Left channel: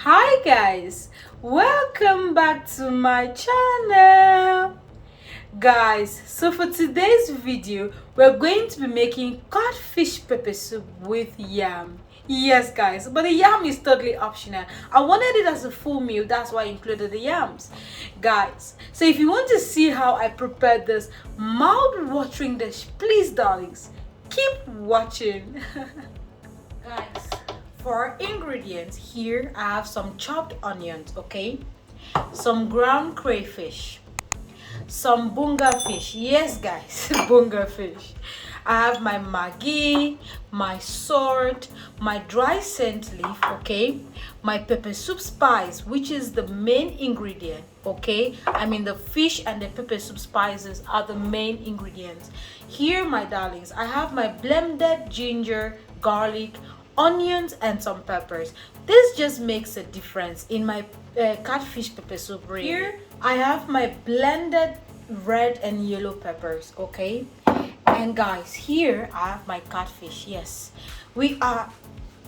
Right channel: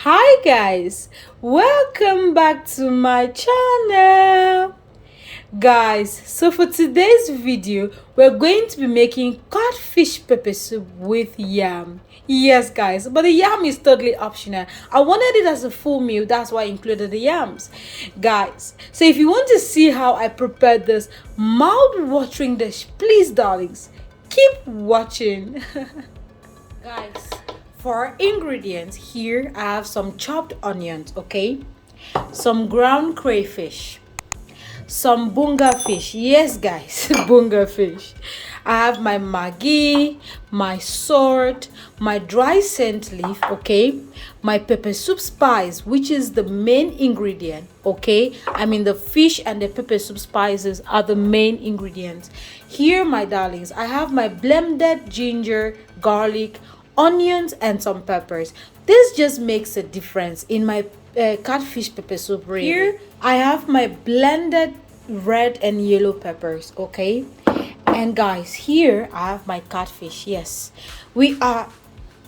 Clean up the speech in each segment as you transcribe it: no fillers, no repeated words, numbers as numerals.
Hi guys, welcome back to my channel. Guys, so for today's video we're going to be making catfish pepper soup with yam. Yes guys, but the yam is totally optional. I wanted it as a full meal, that's why I included the yams. Guys, so if you want to see how I prepared this mouth-watering dish, please darlings, keep watching. Guys, for ingredients here, I have some chopped onions, okay, some ground crayfish, some bunga fish. Yes guys, bunga fish. I have my maggi, my salt, my dry scent leaf, okay, my pepper soup spice, which is the main ingredient, okay. I mean the fish and the pepper soup spices are the main ingredients here, my darlings. I have my blended ginger, garlic, onions, and some peppers. This just makes a difference in my catfish pepper soup. Really. Here I have my blended red and yellow peppers, okay. And guys, here I have my catfish. Yes, we are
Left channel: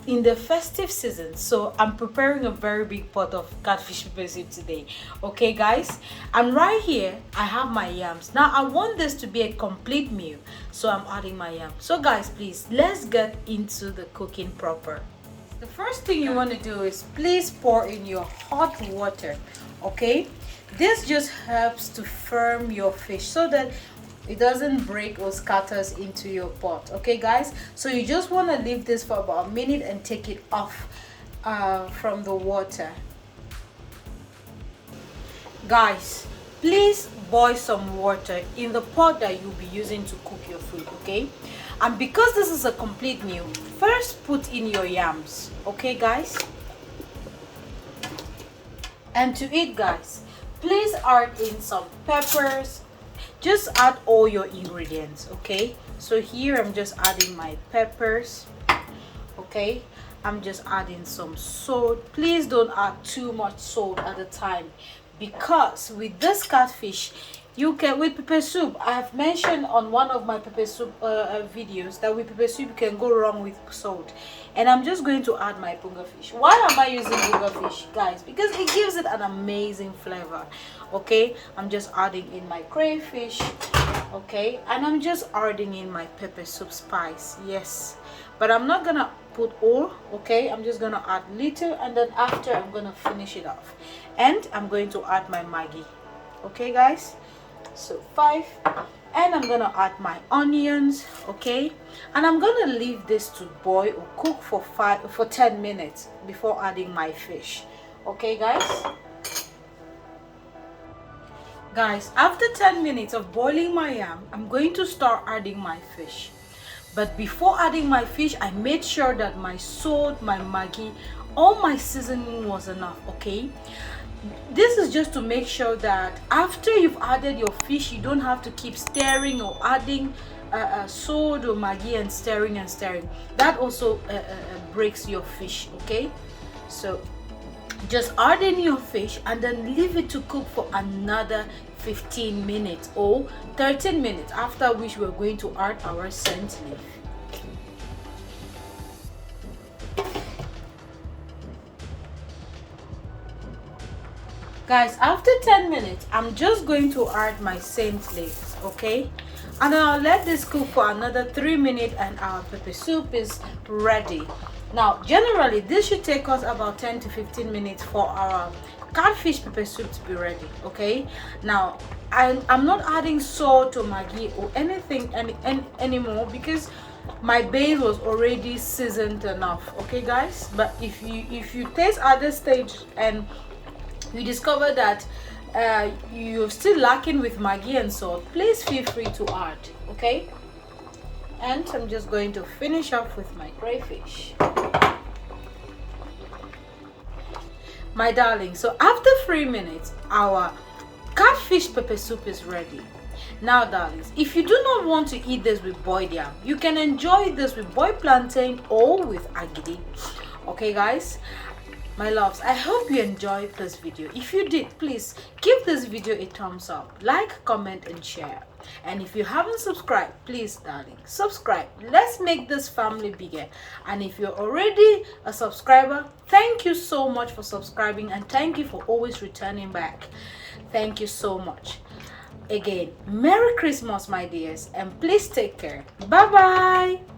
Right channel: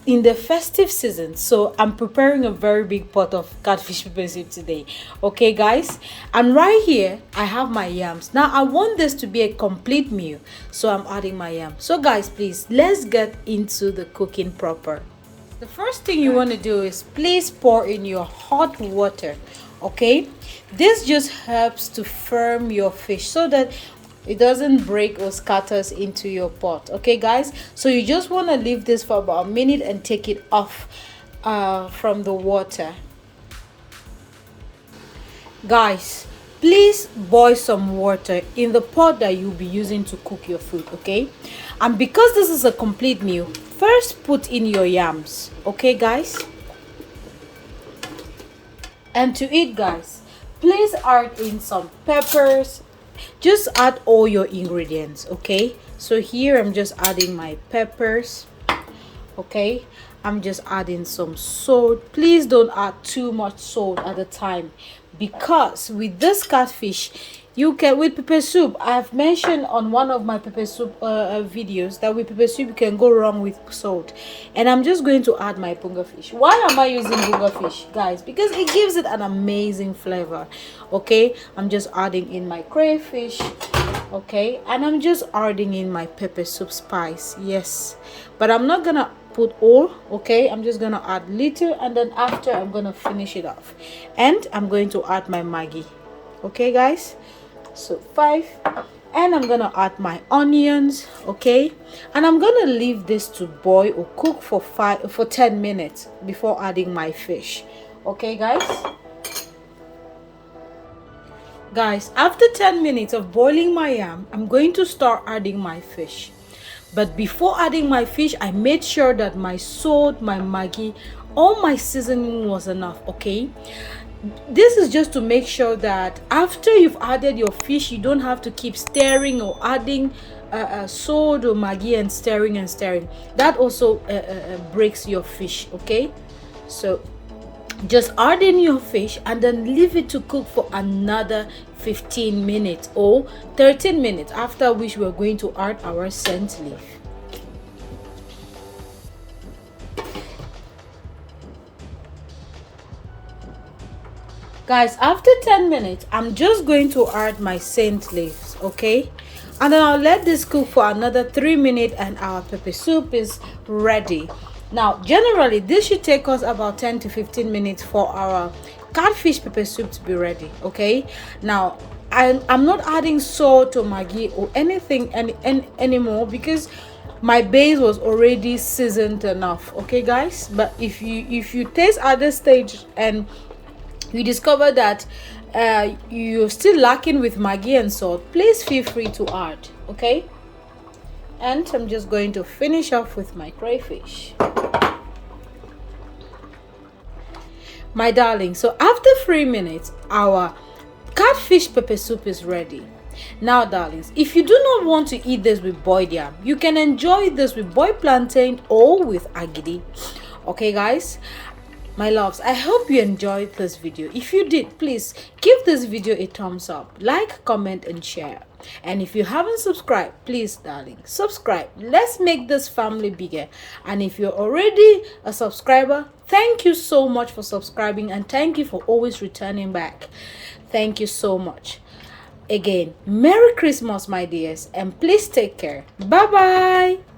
in the festive season, so I'm preparing a very big pot of catfish pepper soup today, okay guys. And right here I have my yams. Now I want this to be a complete meal, so I'm adding my yam. So guys, please, let's get into the cooking proper. The first thing you want to do is please pour in your hot water, okay. This just helps to firm your fish so that it doesn't break or scatters into your pot, okay guys. So you just want to leave this for about a minute and take it off from the water. Guys, please boil some water in the pot that you'll be using to cook your food, okay. And because this is a complete meal, first put in your yams, okay guys. And to eat, guys, please add in some peppers. Just add all your ingredients, okay. So here I'm just adding my peppers, okay. I'm just adding some salt. Please don't add too much salt at a time, because with this catfish, you can, with pepper soup, I've mentioned on one of my pepper soup videos that with pepper soup you can go wrong with salt. And I'm just going to add my bunga fish. Why am I using bunga fish, guys? Because it gives it an amazing flavor, okay. I'm just adding in my crayfish, okay, and I'm just adding in my pepper soup spice. Yes, but I'm not gonna put all, okay. I'm just gonna add little, and then after I'm gonna finish it off, and I'm going to add my maggi, okay guys. So 5, and I'm gonna add my onions, okay, and I'm gonna leave this to boil or cook for 10 minutes before adding my fish, okay guys. Guys, after 10 minutes of boiling my yam, I'm going to start adding my fish. But before adding my fish, I made sure that my salt, my maggi, all my seasoning was enough, okay. This is just to make sure that after you've added your fish, you don't have to keep stirring or adding salt or maggi and stirring and stirring. That also breaks your fish, okay. So just add in your fish and then leave it to cook for another 15 minutes or 13 minutes, after which we're going to add our scent leaf. Guys, after 10 minutes, I'm just going to add my scent leaves, okay, and then I'll let this cook for another 3 minutes and our pepper soup is ready. Now generally this should take us about 10 to 15 minutes for our catfish pepper soup to be ready, okay. Now I'm not adding salt or maggi or anything anymore, because my base was already seasoned enough, okay guys. But if you taste at this stage and you discover that you're still lacking with maggi and salt, please feel free to add, okay. And I'm just going to finish off with my crayfish, my darling. So after 3 minutes, our catfish pepper soup is ready. Now darlings, if you do not want to eat this with boiled yam, you can enjoy this with boiled plantain or with agidi, okay guys. My loves, I hope you enjoyed this video. If you did, please give this video a thumbs up, like, comment, and share. And if you haven't subscribed, please, darling, subscribe. Let's make this family bigger. And if you're already a subscriber, thank you so much for subscribing, and thank you for always returning back. Thank you so much. Again, Merry Christmas, my dears, and please take care. Bye bye.